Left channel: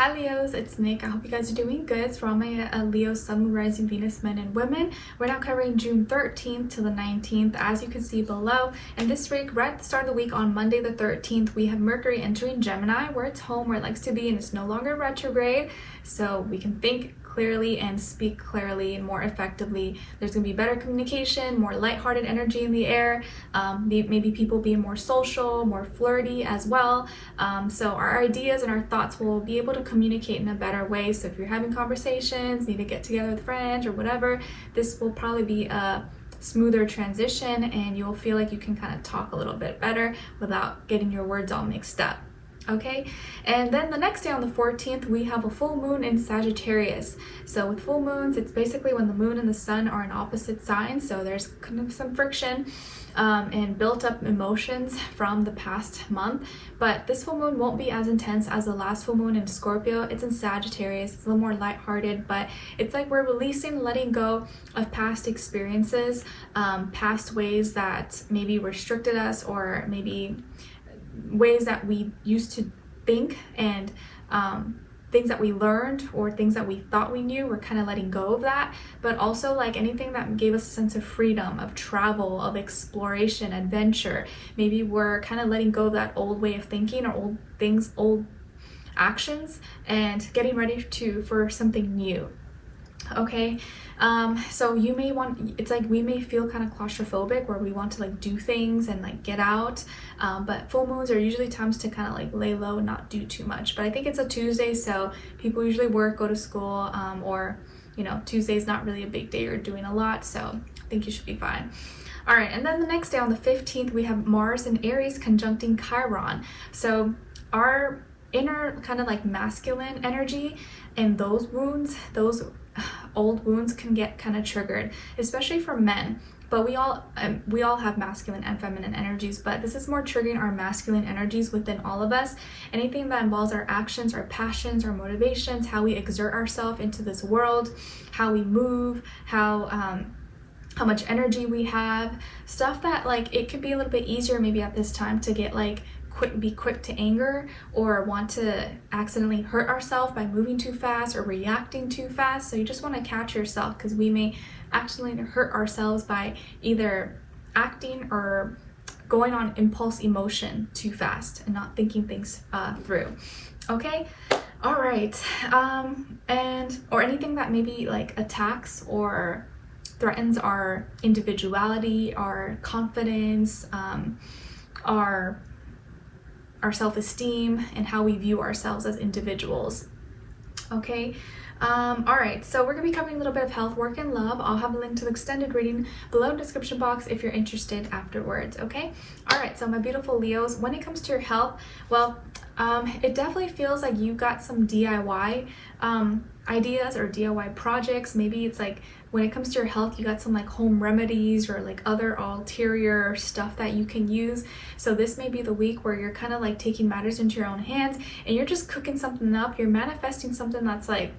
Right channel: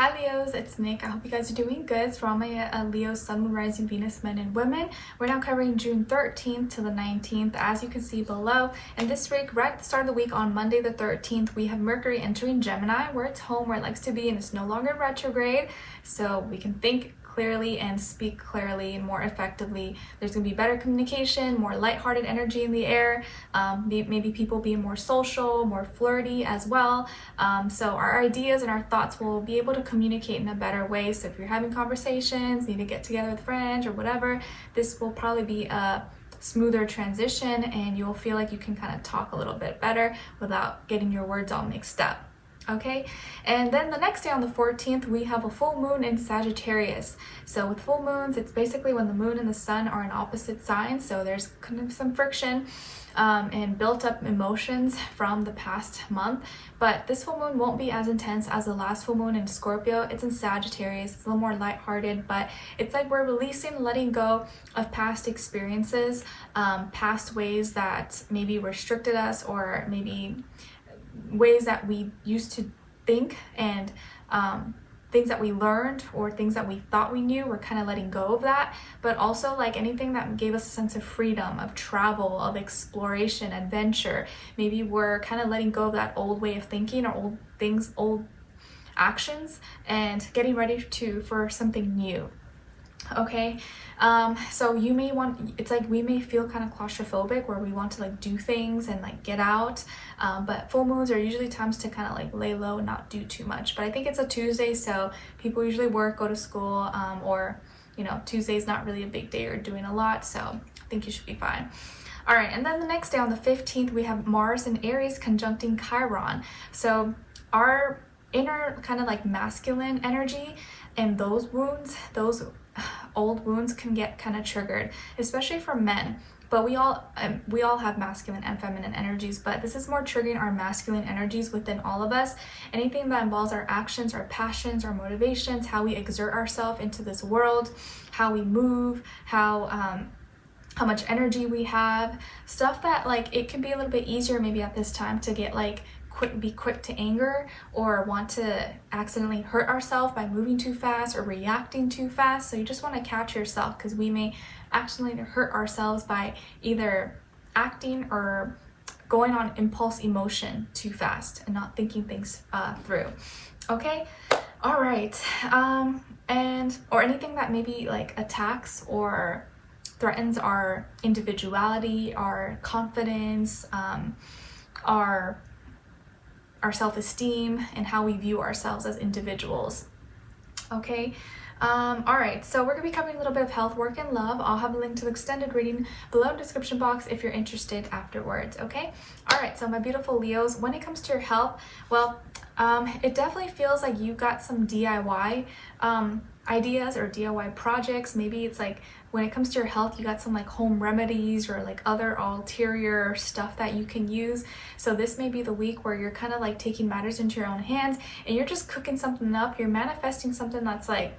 Hi Leos, it's Nick. I hope you guys are doing good. So for all my Leo, Sun, Moon, Rising, Venus, men and women, we're now covering June 13th to the 19th, as you can see below. And this week, right at the start of the week on Monday the 13th, we have Mercury entering Gemini, where it's home, where it likes to be, and it's no longer retrograde. So we can think clearly and speak clearly and more effectively. There's going to be better communication, more lighthearted energy in the air, maybe people being more social, more flirty as well. So our ideas and our thoughts will be able to communicate in a better way. So if you're having conversations, need to get together with friends or whatever, this will probably be a smoother transition and you'll feel like you can kind of talk a little bit better without getting your words all mixed up. Okay, and then the next day on the 14th, we have a full moon in Sagittarius. So with full moons, it's basically when the moon and the sun are in opposite signs. So there's kind of some friction and built up emotions from the past month. But this full moon won't be as intense as the last full moon in Scorpio. It's in Sagittarius. It's a little more lighthearted, but it's like we're releasing, letting go of past experiences, past ways that maybe restricted us, or maybe ways that we used to think, and things that we learned or things that we thought we knew. We're kind of letting go of that, but also like anything that gave us a sense of freedom, of travel, of exploration, adventure. Maybe we're kind of letting go of that old way of thinking or old things, old actions, and getting ready for something new. Okay, so you may it's like we may feel kind of claustrophobic, where we want to like do things and like get out, but full moons are usually times to kind of like lay low and not do too much. But I think it's a Tuesday, so people usually work, go to school, or you know, Tuesday's not really a big day or doing a lot, so I think you should be fine. All right, and then the next day on the 15th, we have Mars in Aries conjuncting Chiron. So our inner kind of like masculine energy and those wounds, those old wounds can get kind of triggered, especially for men. But we all have masculine and feminine energies, but this is more triggering our masculine energies within all of us. Anything that involves our actions, our passions, our motivations, how we exert ourselves into this world, how we move, how much energy we have, stuff that like it can be a little bit easier maybe at this time to get like be quick to anger, or want to accidentally hurt ourselves by moving too fast or reacting too fast. So you just want to catch yourself, because we may accidentally hurt ourselves by either acting or going on impulse emotion too fast and not thinking things through. Okay, all right, or anything that maybe like attacks or threatens our individuality, our confidence, our self-esteem, and how we view ourselves as individuals. Okay, all right, so we're gonna be covering a little bit of health, work, and love. I'll have a link to the extended reading below in the description box if you're interested afterwards. Okay, all right, so my beautiful Leos, when it comes to your health, well, it definitely feels like you got some DIY ideas or DIY projects. Maybe it's like when it comes to your health, you got some like home remedies or like other ulterior stuff that you can use. So this may be the week where you're kind of like taking matters into your own hands and you're just cooking something up. You're manifesting something that's like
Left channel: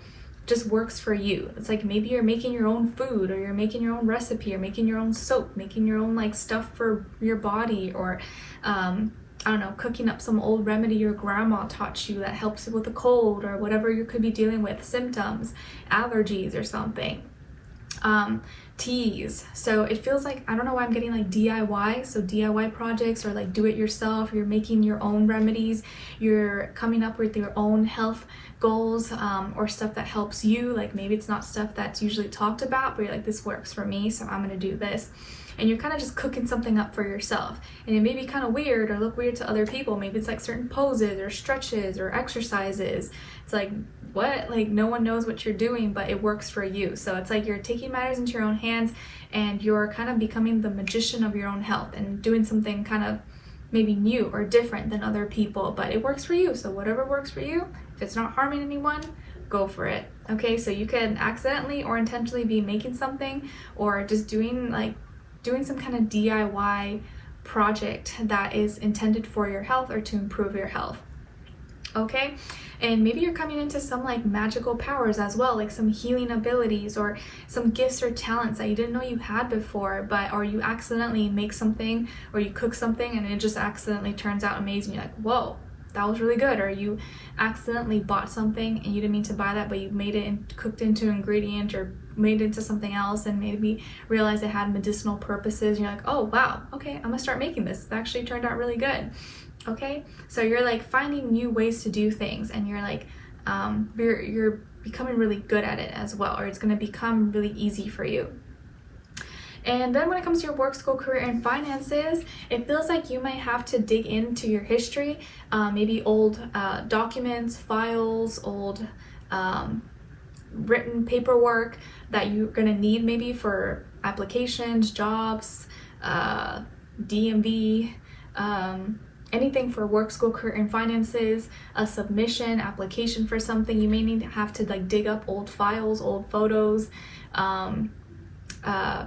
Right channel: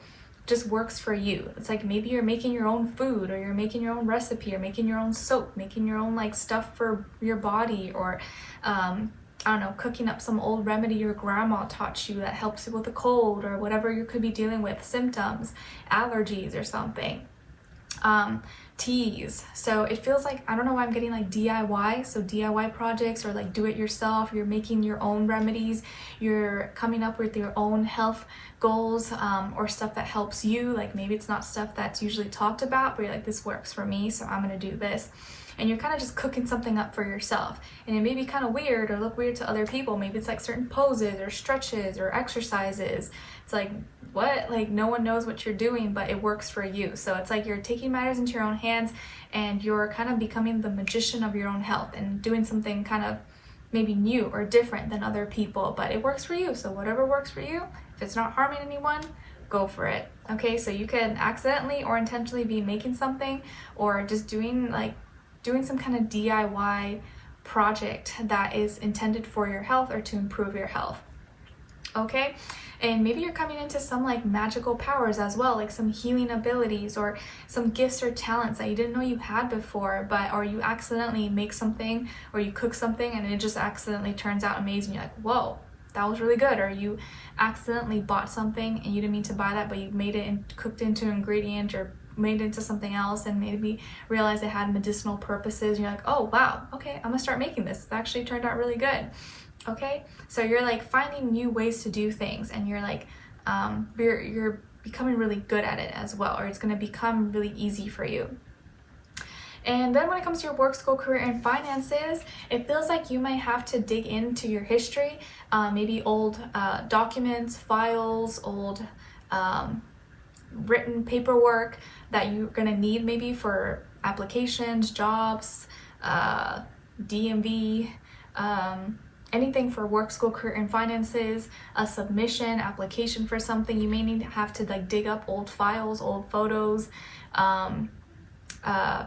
just works for you. It's like maybe you're making your own food, or you're making your own recipe, or making your own soap, making your own like stuff for your body, or I don't know, cooking up some old remedy your grandma taught you that helps you with a cold or whatever you could be dealing with, symptoms, allergies or something. Teas. So it feels like, I don't know why I'm getting like DIY. So DIY projects, or like do it yourself. You're making your own remedies. You're coming up with your own health goals, or stuff that helps you. Like maybe it's not stuff that's usually talked about, but you're like, this works for me, so I'm gonna do this. And you're kind of just cooking something up for yourself. And it may be kind of weird or look weird to other people. Maybe it's like certain poses or stretches or exercises. It's like, what? Like no one knows what you're doing, but it works for you. So it's like you're taking matters into your own hands and you're kind of becoming the magician of your own health and doing something kind of maybe new or different than other people, but it works for you. So whatever works for you, if it's not harming anyone, go for it. Okay, so you can accidentally or intentionally be making something, or just doing some kind of DIY project that is intended for your health or to improve your health. Okay, and maybe you're coming into some like magical powers as well, like some healing abilities or some gifts or talents that you didn't know you had before, or you accidentally make something or you cook something and it just accidentally turns out amazing. You're like, whoa, that was really good. Or you accidentally bought something and you didn't mean to buy that, but you made it and cooked into an ingredient or made it into something else and maybe realized it had medicinal purposes. You're like, oh wow, okay, I'm gonna start making this. It actually turned out really good. Okay, so you're like finding new ways to do things, and you're like you're becoming really good at it as well, or it's going to become really easy for you. And then when it comes to your work, school, career, and finances, it feels like you might have to dig into your history, maybe old documents, files, old written paperwork that you're going to need maybe for applications, jobs, DMV, anything for work, school, career, and finances, a submission, application for something. You may need to have to like dig up old files, old photos,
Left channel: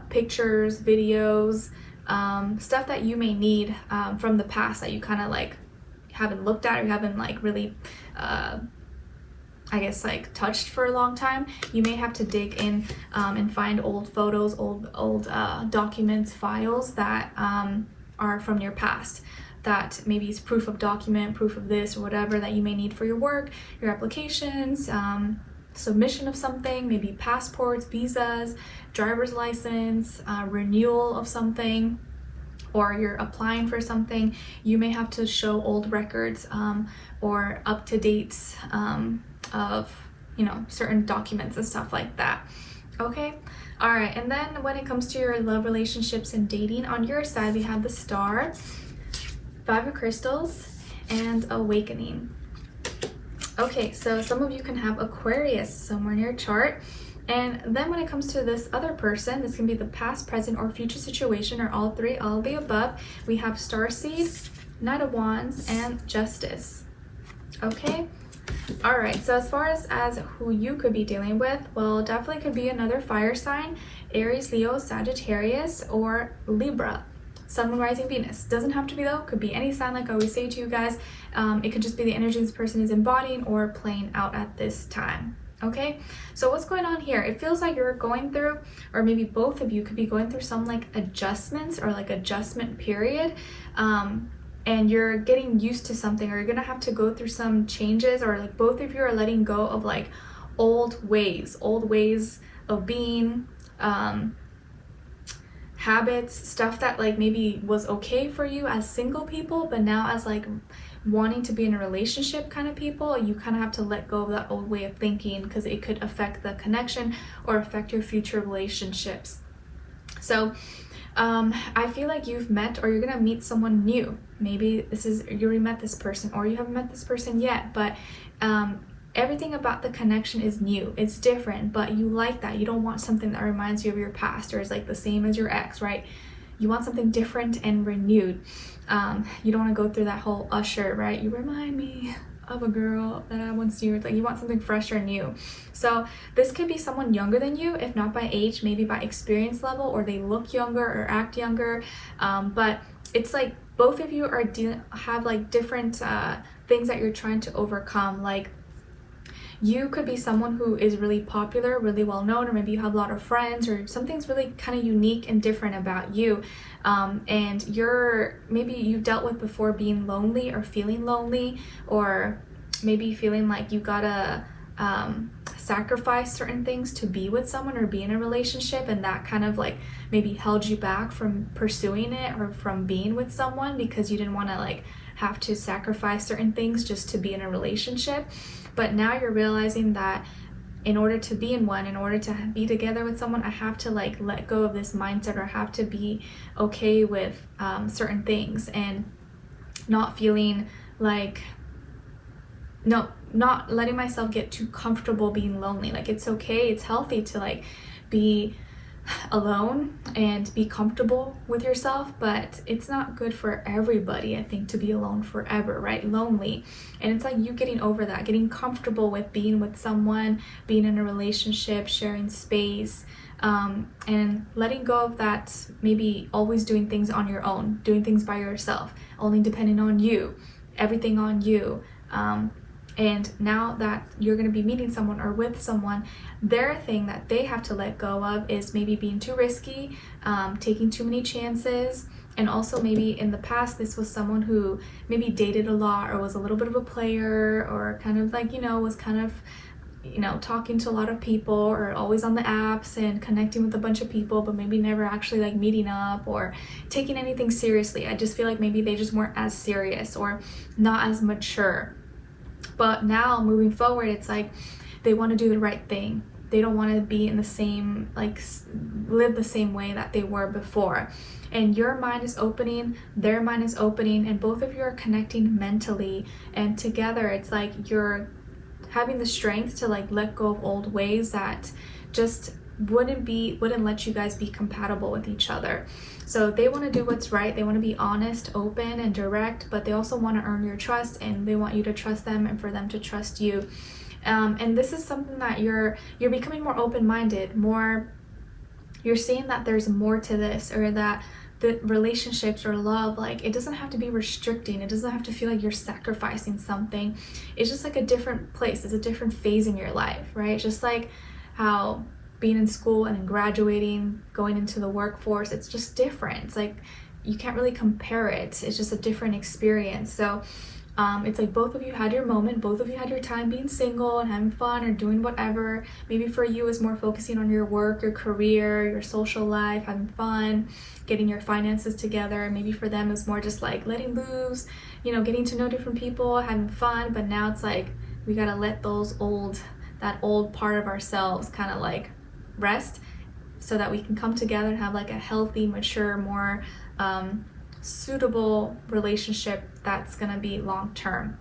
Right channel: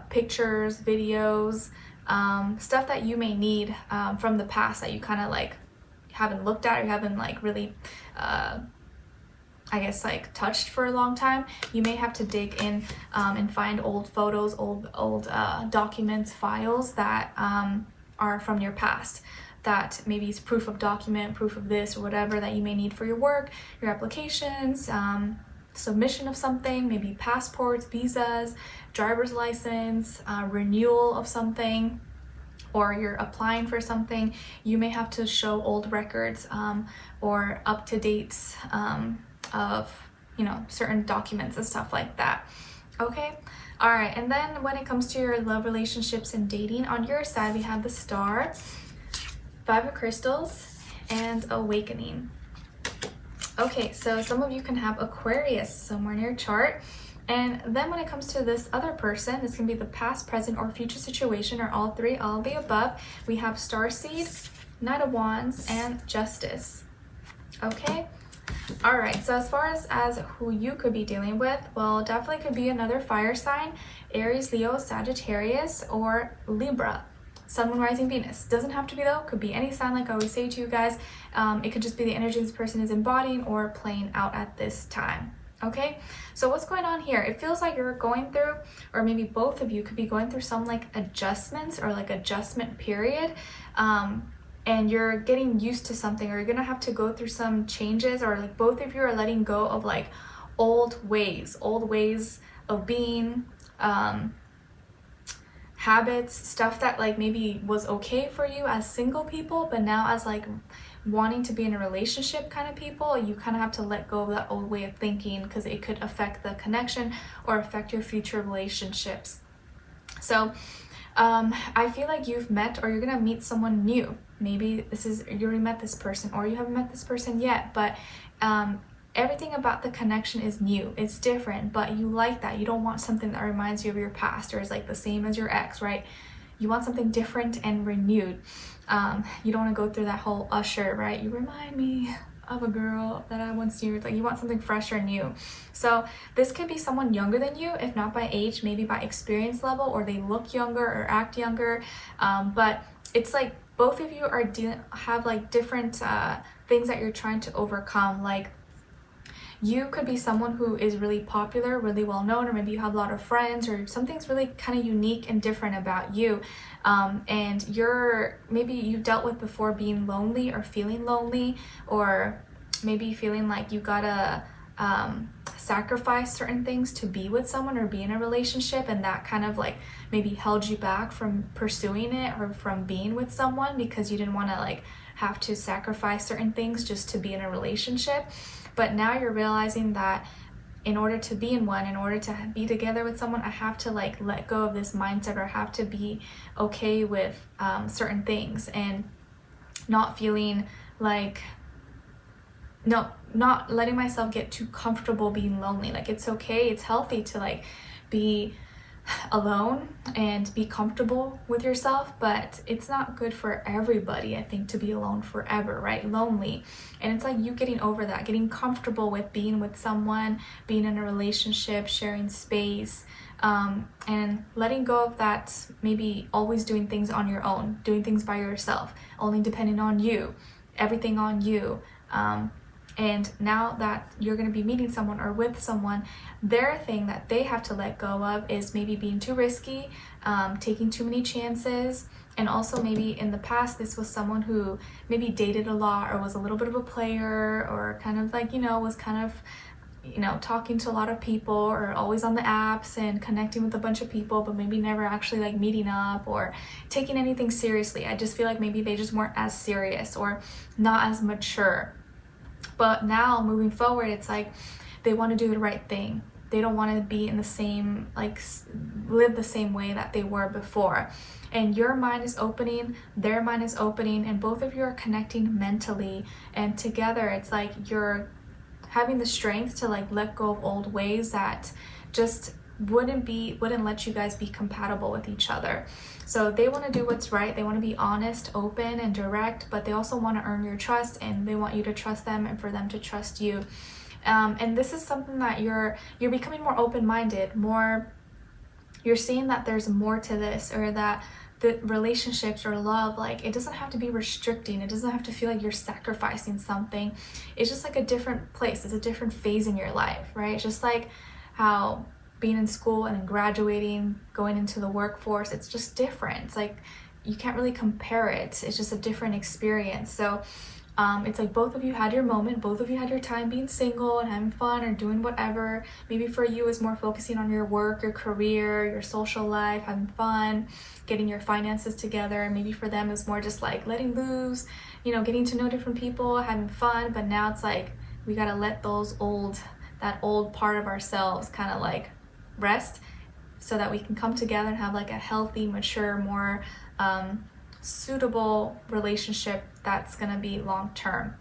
pictures, videos, stuff that you may need from the past that you kind of like haven't looked at or you haven't like really I guess like touched for a long time. You may have to dig in and find old photos, old documents, files that are from your past, that maybe it's proof of document, proof of this or whatever that you may need for your work, your applications, submission of something, maybe passports, visas, driver's license, renewal of something, or you're applying for something. You may have to show old records or up-to-dates of, you know, certain documents and stuff like that. Okay, all right. And then when it comes to your love, relationships, and dating, on your side we have the Star, Five of Crystals, and Awakening. Okay, so some of you can have Aquarius somewhere in your chart. And then when it comes to this other person, this can be the past, present, or future situation, or all three, all of the above. We have Starseed, Knight of Wands, and Justice. Okay, all right. So as far as who you could be dealing with, well, definitely could be another fire sign, Aries, Leo, Sagittarius, or Libra. Sun, Moon, Rising, Venus. Doesn't have to be though, could be any sign like I always say to you guys. It could just be the energy this person is embodying or playing out at this time. Okay, so what's going on here? It feels like you're going through, or maybe both of you could be going through some like adjustments or like adjustment period, and you're getting used to something, or you're gonna have to go through some changes, or like both of you are letting go of like old ways of being, habits, stuff that like maybe was okay for you as single people, but now as like wanting to be in a relationship kind of people, you kind of have to let go of that old way of thinking, because it could affect the connection or affect your future relationships. So I feel like you've met, or you're gonna meet someone new. Maybe this is, you already met this person, or you haven't met this person yet, but everything about the connection is new, it's different, but you like that. You don't want something that reminds you of your past or is like the same as your ex, right? You want something different and renewed. You don't want to go through that whole Usher, right? You remind me of a girl that I once knew. It's like you want something fresh or new. So this could be someone younger than you, if not by age, maybe by experience level, or they look younger or act younger. But it's like both of you are have like different things that you're trying to overcome. Like you could be someone who is really popular, really well known, or maybe you have a lot of friends, or something's really kind of unique and different about you. And maybe you've dealt with before being lonely or feeling lonely, or maybe feeling like you gotta sacrifice certain things to be with someone or be in a relationship, and that kind of like maybe held you back from pursuing it or from being with someone because you didn't want to like have to sacrifice certain things just to be in a relationship. But now you're realizing that in order to be in one, in order to be together with someone, I have to like let go of this mindset, or have to be okay with certain things, and not feeling like, not letting myself get too comfortable being lonely. Like it's okay, it's healthy to like be alone and be comfortable with yourself, but it's not good for everybody, I think, to be alone forever, right? Lonely. And it's like you getting over that, getting comfortable with being with someone, being in a relationship, sharing space, and letting go of that, maybe always doing things on your own, doing things by yourself, only depending on you, everything on you. And now that you're going to be meeting someone or with someone, their thing that they have to let go of is maybe being too risky, taking too many chances, And also maybe in the past, this was someone who maybe dated a lot or was a little bit of a player, or kind of like, was kind of, talking to a lot of people, or always on the apps and connecting with a bunch of people, but maybe never actually like meeting up or taking anything seriously. I just feel like maybe they just weren't as serious or not as mature. But now moving forward, it's like they want to do the right thing. They don't want to be in the same, like, live the same way that they were before. And your mind is opening, their mind is opening, and both of you are connecting mentally. And together, it's like you're having the strength to like let go of old ways that just wouldn't let you guys be compatible with each other. So they want to do what's right. They want to be honest, open, and direct, but they also want to earn your trust, and they want you to trust them and for them to trust you. And this is something that you're becoming more open-minded, you're seeing that there's more to this, or that the relationships or love, like, it doesn't have to be restricting. It doesn't have to feel like you're sacrificing something. It's just like a different place. It's a different phase in your life, right? Just like how being in school and then graduating, going into the workforce, it's just different. It's like you can't really compare it. It's just a different experience. So it's like both of you had your moment, both of you had your time being single and having fun or doing whatever. Maybe for you it's more focusing on your work, your career, your social life, having fun, getting your finances together. Maybe for them it's more just like letting loose, getting to know different people, having fun. But now it's like we gotta let that old part of ourselves kind of like rest, so that we can come together and have like a healthy, mature, more suitable relationship that's gonna be long term.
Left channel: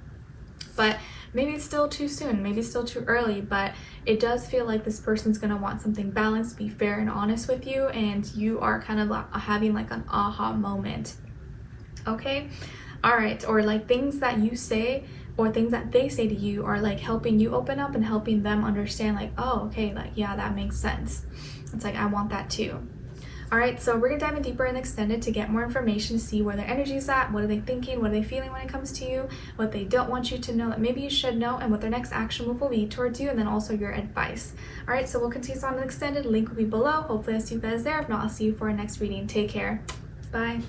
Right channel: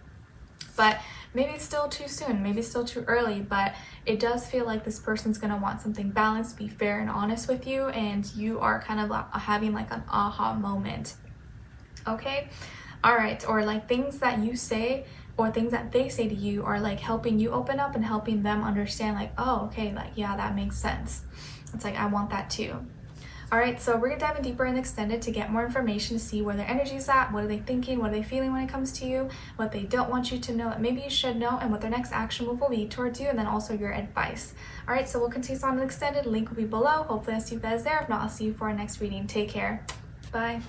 But maybe it's still too soon, maybe it's still too early, but it does feel like this person's gonna want something balanced, be fair and honest with you, and you are kind of having like an aha moment. Okay, all right. Or like things that you say or things that they say to you are like helping you open up and helping them understand, like, oh, okay, like, yeah, that makes sense. It's like, I want that too. All right, so we're gonna dive in deeper in extended to get more information, to see where their energy is at, what are they thinking, what are they feeling when it comes to you, what they don't want you to know that maybe you should know, and what their next action move will be towards you, and then also your advice. All right, so we'll continue on the extended. Link will be below. Hopefully I see you guys there. If not, I'll see you for our next reading. Take care. Bye.